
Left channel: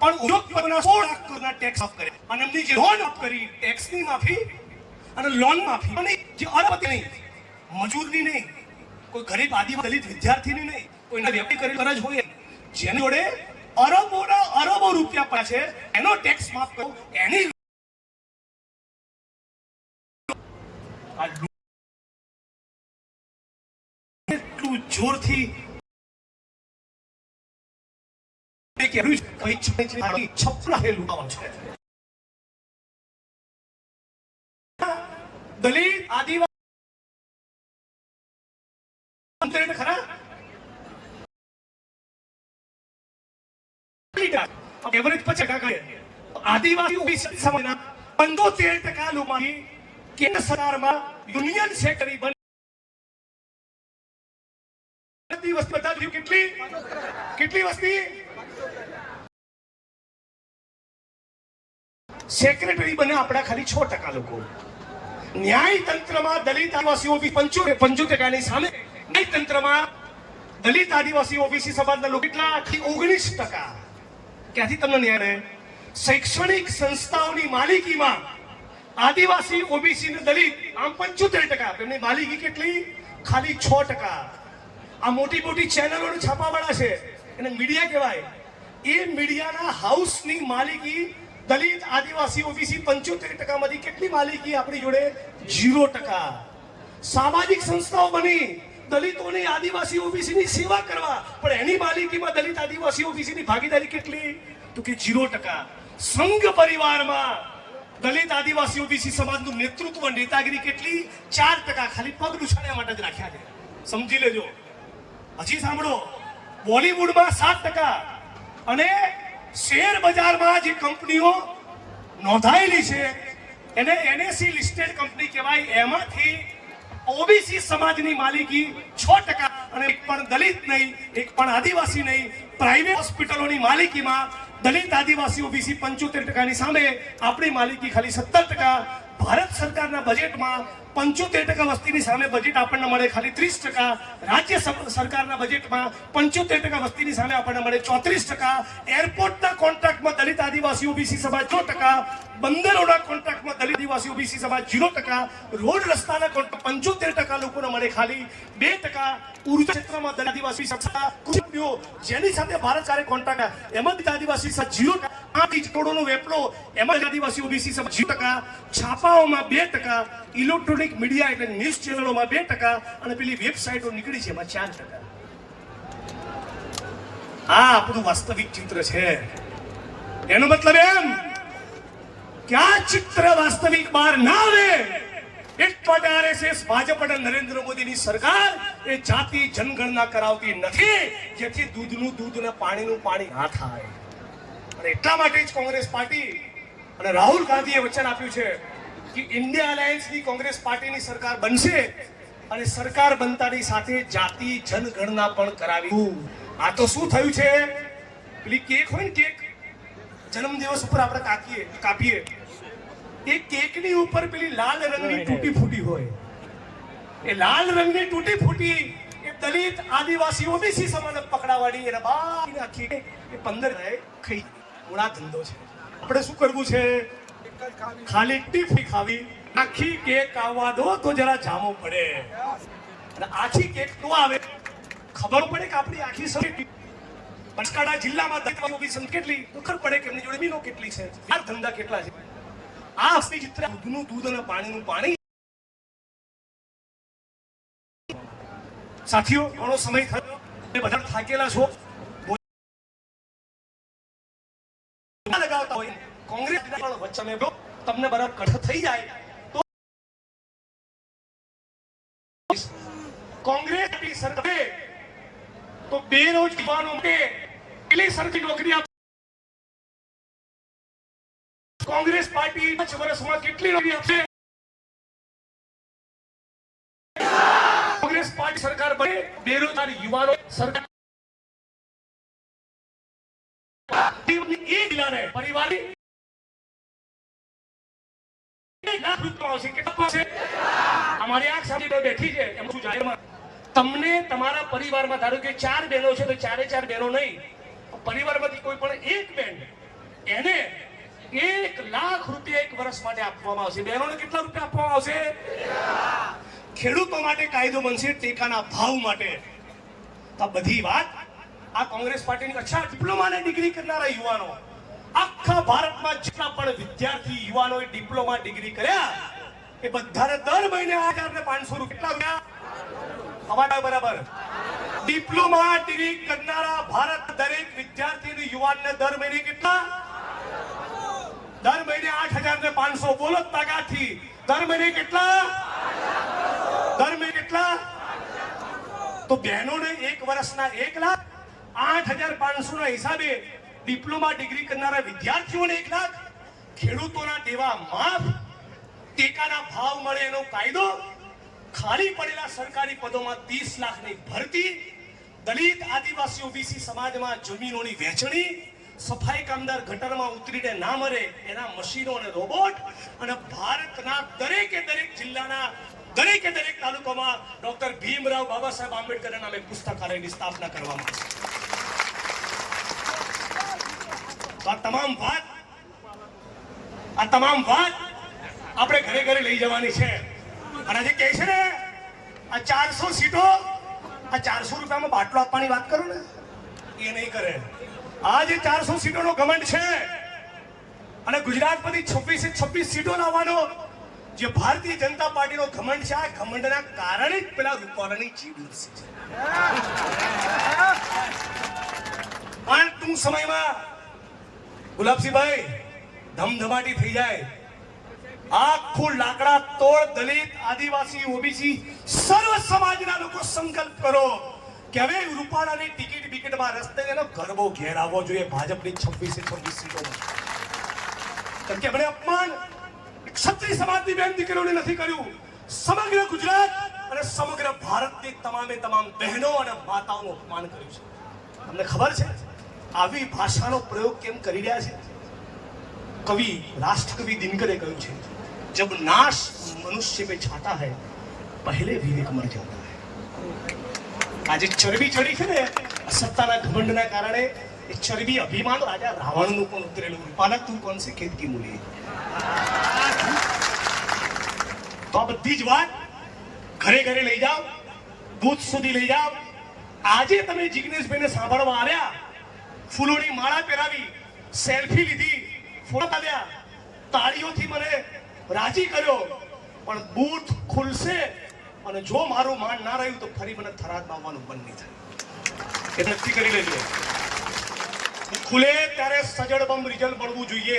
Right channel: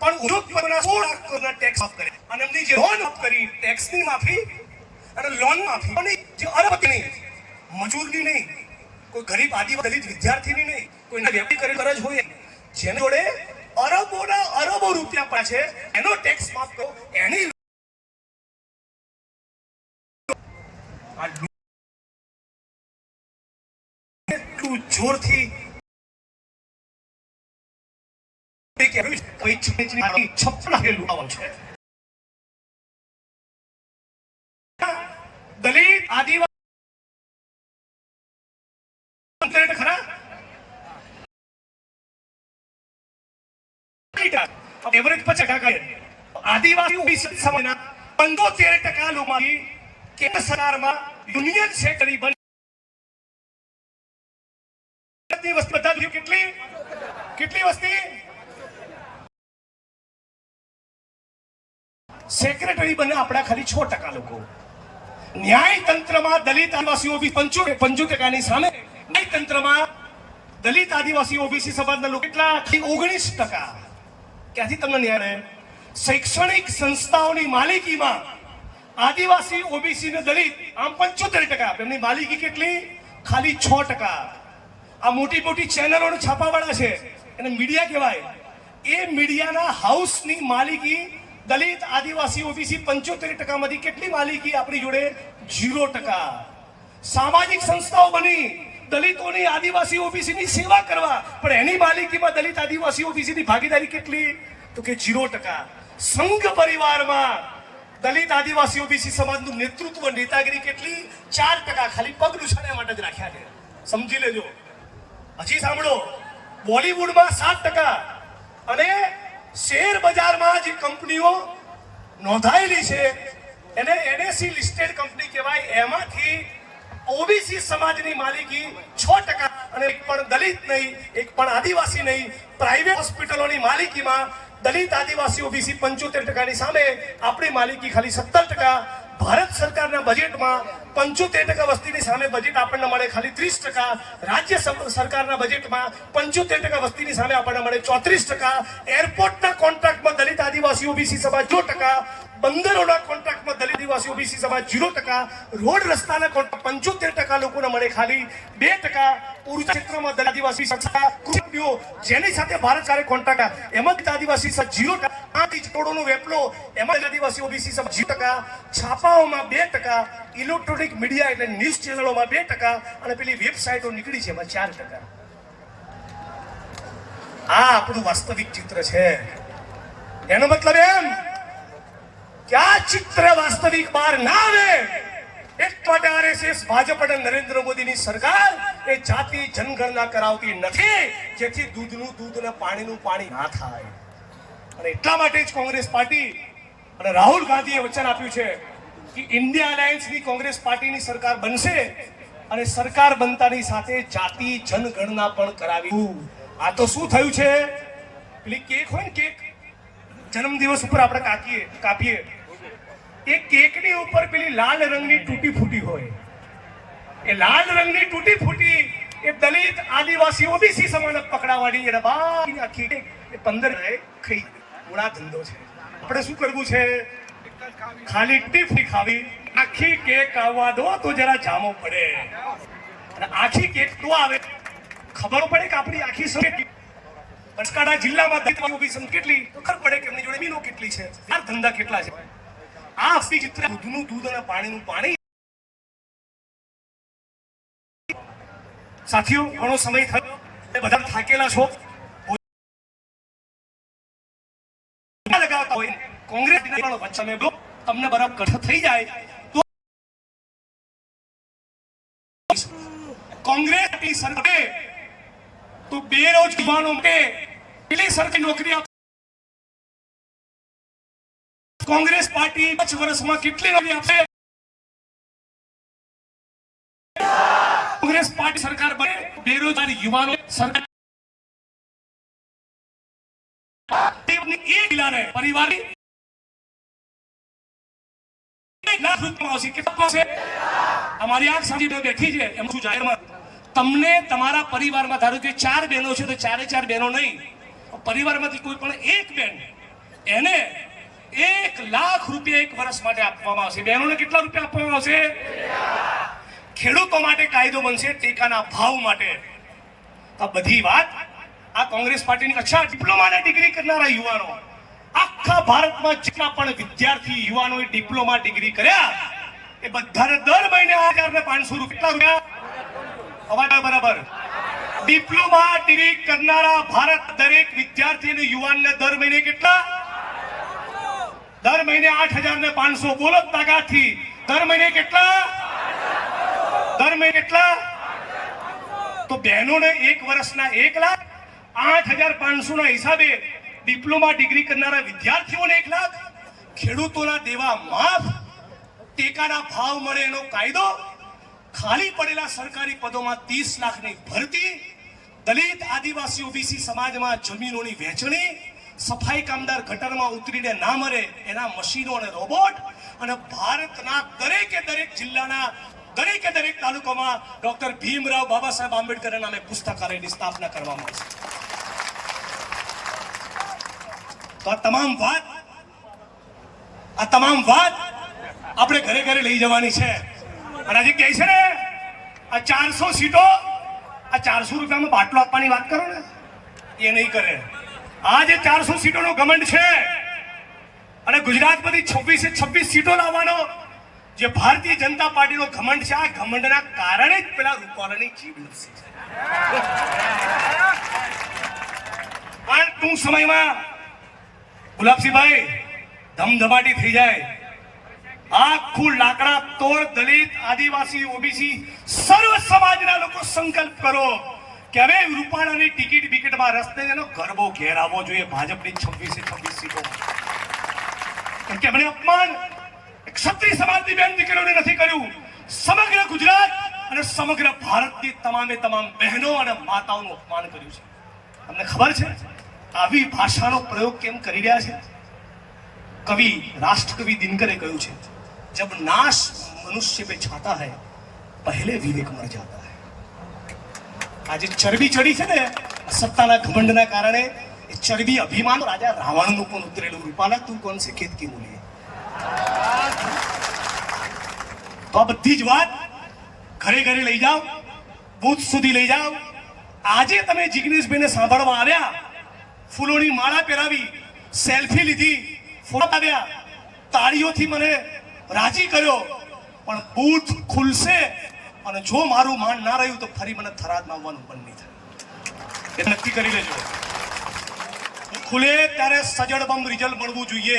પણ ઉદ્યોગપતિના 16 લાખ કરોડના ટેક્સ માફ કરે. અને એમની જે લોન માફ કરી, ટેક્સની માફી અને લોન માફી, જે અરબપતિ નહીં, મજૂરની નહીં, કોઈ ગરીબ આદિવાસી દલિત વિદ્યાર્થીની નહીં, કોઈને વ્યક્તિ કરી કરજ હોય, જેની જોડે અરબોના અરબો રૂપિયા પડ્યા છે, એનો ટેક્સ માફ કરો. એની એટલું જોરથી દલિત આદિવાસી ખરા એવરેજ 50%. આદિવાસી સમયના 75% લોકોમાંથી કેન્દ્ર સરકારમાં યુનિયન સેક્રેટરી બની. વસ્તી બધા કેટલી વસ્તી સેક્રેટરી બને આપણા ખાલી 6% લોકો. ન્યાયતંત્રમાં દલિત આદિવાસી ઓબીસી 75% સામે ન્યાયતંત્રમાં દલિત આદિવાસી ઓબીસી સમાજના લોકો કેટલા? 19%. ક્યાંથી તમને ન્યાય રહે? શૈક્ષણિક સંસ્થાઓની માલિકીમાં આદિવાસી ઓબીસી ને દલિત આમ 75%. એમની માલિકી કેટલી? ખાલી 6%. આ મોટી મોટી ચેનલોને છાપાવાળા છે અને મીડિયા કહેવાય. એ મીડિયાના હાઉસની માલિકી દલિત આદિવાસી ઓબીસી 75% માંથી કેટલી માલિકી આપણી જોડે? 0%. સામાજિક સંસ્થાઓ બની દલિતોની આદિવાસી ઓબીસીની સેવા કરવા, પણ એની માલિકીમાં દલિત આદિવાસી ઓબીસીની ભાગીદારી કેટલી? તો કે 0%. સંઘ પરિવારમાં દલિત આદિવાસી ઓબીસી સમાજનું નેતૃત્વ નેતાગીરી કેટલી? 4%. ખાલી પગ ઉછાળવા માટે જ રાખ્યા છે. સમજી લેજો. હજી સાંભળો, બોલીવુડમાં 7%. અને શેર બજારમાં જે કંપનીઓ નોંધાયેલી છે એને NSE લિસ્ટેડ કંપની કહેવાય. એમાંથી ઓબીસી સમાજની માલિકી 6%. અને એક પણ દલિત નહીં, એક પણ આદિવાસી નહીં. પ્રાઇવેટ હોસ્પિટલોની માલિકીમાં દલિત આદિવાસી ઓબીસી 75%ની સામે આપણી માલિકી ખાલી 17%. ભારત સરકારના બજેટમાં 75% વસ્તીની સામે બજેટ આપણને મળે ખાલી 30%. રાજ્ય સરકારના બજેટમાં 75% વસ્તીની સામે આપણને મળે 34%. એરપોર્ટના કોન્ટ્રાક્ટમાં દલિત આદિવાસી ઓબીસી સમાજ 0%. બંદરોના કોન્ટ્રાક્ટમાં દલિત આદિવાસી ઓબીસી સમાજ 0%. રોડ રસ્તાના કોન્ટ્રાક્ટ 75% લોકોને મળે ખાલી 2%. ઉર્જા ક્ષેત્રમાં દલિત આદિવાસી સંસ્થા કૃષિઓ જેની સાથે ભારત સરકારે કોન્ટ્રાક્ટ એમાં દલિત આદિવાસી સમાજ 0%. 5 કરોડનો વેપલો એમાં આદિવાસી ઓબીસી સમાજ 0%. છાપાઓમાં 2%. ઇલેક્ટ્રોનિક મીડિયા એટલે ન્યૂઝ ચેનલોમાં 2%. અને પેલી વેબસાઇટો નીકળી છે એમાં 4%. આ આપણું વાસ્તવિક ચિત્ર છે. એનો મતલબ એમ કે આ ચિત્ર વાસ્તવિક બહાર ના આવે એટલા માટે આરએસએસ, ભાજપ અને નરેન્દ્ર મોદીની સરકાર એ જાતિ જનગણના કરાવતી નથી, જેથી દૂધનું દૂધ અને પાણીનું પાણી ના થાય. અને એટલા માટે જ કોંગ્રેસ પાર્ટી અને રાહુલ ગાંધીએ વચન આપ્યું છે કે ઇન્ડિયા અલાયન્સની કોંગ્રેસ પાર્ટીની સરકાર બનશે અને સરકાર બનતાની સાથે જાતિ જનગણના પણ કરાવી. આ તો શું થયું છે? પેલી કેક હોય ને, કેક જન્મદિવસ ઉપર આપણે કાપીએ, એ કેકની ઉપર પેલી લાલ રંગની તૂટી ફૂટી હોય. એ લાલ રંગની તૂટી ફૂટી એ દલિત આદિવાસી ઓબીસી સમાજને પકડાવવાની અને બાકીની આખી એ 15 ખાઈ મૂળા ધંધો છે. આપણે શું કરવું છે? ખાલી ટીફી ખાવી, આખી કેક આવવા દો તો જરા જામો પડે. અને આખી કેક તો આવે ખબર પડે કે આપણી આખી સંખ્યા બનાસકાંઠા જિલ્લામાં દલિત ઓબીસી કેટલી ખબર પડે કે એમની જોડે બીનો કેટલી છે, આ ધંધા કેટલા છે. આ અસલી ચિત્ર દૂધનું દૂધ અને પાણીનું પાણી. સાથીઓ, ઘણો સમય થયો, બધા થાકેલા છો. લગાવતા હોય કોંગ્રેસ વચ્ચે તમને બરાબર કઠ થઈ જાય તો કોંગ્રેસની સરકારે તો બેરોજગારો માટે કેટલી સરકારી નોકરી આપે? કોંગ્રેસ પાર્ટી 5 વર્ષમાં કેટલી નોકરી આપશે? કોંગ્રેસ પાર્ટી સરકાર બને, બેરોજગાર યુવાનો સરકાર એક જિલ્લાને પરિવારની 1 લાખ રૂપિયા આવશે. કેટલા છે? અમારી આંખ સામે બેઠી છે એમ શું જાહેરમાં તમને તમારા પરિવારમાં ધારો કે 4 બહેનો છે તો 4 બહેનો નહીં, પરિવારમાંથી કોઈ પણ એક બેન એને 1 લાખ રૂપિયા 1 વર્ષ માટે આપવામાં આવશે. બહેનોને કેટલા રૂપિયા આપવામાં આવશે? ખેડૂતો માટે કાયદો બનશે ટેકાના ભાવ માટે. તો બધી વાત આ કોંગ્રેસ પાર્ટીની. અચ્છા, ડિપ્લોમાની ડિગ્રી કરનારા યુવાનો આખા ભારતમાં જેટલા પણ વિદ્યાર્થી યુવાનોએ ડિપ્લોમા ડિગ્રી કર્યા એ બધાને દર મહિને 500 રૂપિયા. અવાજ બરાબર? ડિપ્લોમા ડિગ્રી કરનારા ભારત દરેક વિદ્યાર્થી અને યુવાનને દર મહિને કેટલા? દર મહિને 8,500. બોલો તાકાતથી. દર મહિને કેટલા? દર મહિને કેટલા? તો બહેનોને 1 વર્ષના 1 લાખ, 8,500 ના હિસાબે ડિપ્લોમા ડિગ્રી કરનારા વિદ્યાર્થીઓને 1 લાખ, ખેડૂતોના દેવા માફ, ટેકાના ભાવ મળે એનો કાયદો, ખાલી પડેલા સરકારી પદોમાં 30 લાખની ભરતી, દલિત આદિવાસી ઓબીસી સમાજમાં જમીનોની વહેંચણી, સફાઈ કામદાર ગટરમાં ઉતરીને ના મરે એના મશીનો અને રોબોટ, અને ભારતના દરેક જિલ્લાના દરેક તાલુકામાં ડોક્ટર ભીમરાવ બાબા સાહેબ આંબેડકરના નામે પુસ્તકાલયની સ્થાપના કરવામાં આવશે. તો આ તમામ વાત આપણે ઘરે લઈ જવાની છે. અને આજે કહે છે ને આ 400 સીટો, આ 400 રૂપિયામાં બાટલો આપવાની વાત કરો ને, એ નહીં કરે. આ જે 400 સીટોનો ઘમંડ છે અને ગુજરાતમાંથી 26 સીટો લાવવાનો જે ભારતીય જનતા પાર્ટીનો ઘમંડ છે, આ ઘમંડના કારણે જ પેલા રૂપાલાની જીવ લપસી છે. અને ટૂંક સમયમાં ગુલાબસિંહભાઈ ધમધમાટી થઈ જાય. આખું લાકડા તોડ દલિત આદિવાસી ઓબીસી સર્વ સમાજના લોકો સંકલ્પ કરો કે હવે રૂપાલાની ટિકિટ બિકિટમાં રસ્તે એનો ગરબો ઘેર આવવો જોઈએ ભાજપની 26 સીટોમાં. કેમ કે એમણે અપમાન ક્ષત્રિય સમાજની બેન દીકરીઓને નથી કર્યું, સમગ્ર ગુજરાત અને સમગ્ર ભારતની તમામ બહેનો અને માતાઓનું અપમાન કર્યું છે. તમને ખબર છે આવી ભાષાનો પ્રયોગ કેમ કરી રહ્યા છે? કવિ રાષ્ટ્રકવિ દિનકરે કહ્યું છે, जब नाश मनुष्य पे छाता है पहले विवेक मर जाता है. આજે ચરબી ચડી છે ને સત્તાના ઘમંડના કારણે, એ ચરબી અભિમાન રાજા રાવણનું પણ ઉતરેલું. રૂપાલા તું કોણ છે ખેત કી મૂલી. તો આ બધી જ વાત ઘરે લઈ જાઓ, બૂથ સુધી લઈ જાઓ. આજે તમે જિગ્નેશભાઈને સાંભળવા આવ્યા, ફૂલોની માળા પહેરાવી, સેલ્ફી લીધી, ફોટો આવ્યા, તાળીઓથી મને રાજી કર્યો, પણ બૂથ ખુલશે અને જો મારું માન ના રહ્યું તો ફરી મને થરાદમાં આવવાનું બંધ નહીં થાય. એ નક્કી કરી લેજો. ખુલે ત્યારે સજડ બમ રિઝલ્ટ મળવું જોઈએ.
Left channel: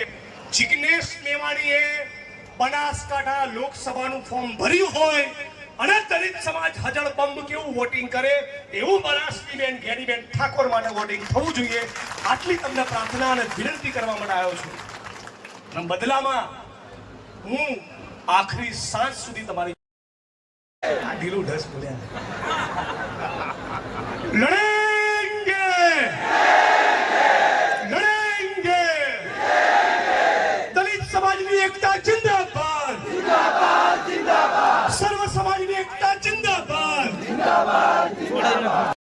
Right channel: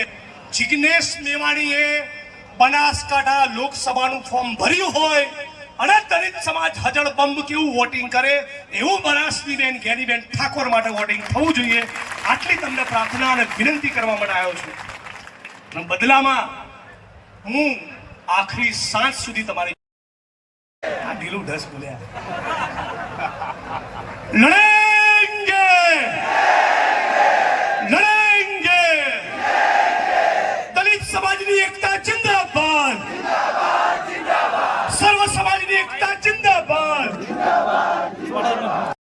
જિગ્નેશ મેવાણીએ બનાસકાંઠા લોકસભાનું ફોર્મ ભર્યું હોય અને દલિત સમાજ હજળ બંબ કેવું વોટિંગ કરે એવું બનાસની બેન ગેરીબેન ઠાકોર માટે વોટિંગ થવું જોઈએ. આટલી તમને પ્રાર્થના અને વિનંતી કરવા માટે આવ્યો છું. અને બદલામાં હું આખરી સાંજ સુધી તમારી ઢીલું ઢસ બોલ્યા લડેંગે દલિત સમાજની એકતા જિંદાબાદ, સર્વ સમાજની એકતા જિંદાબાદ.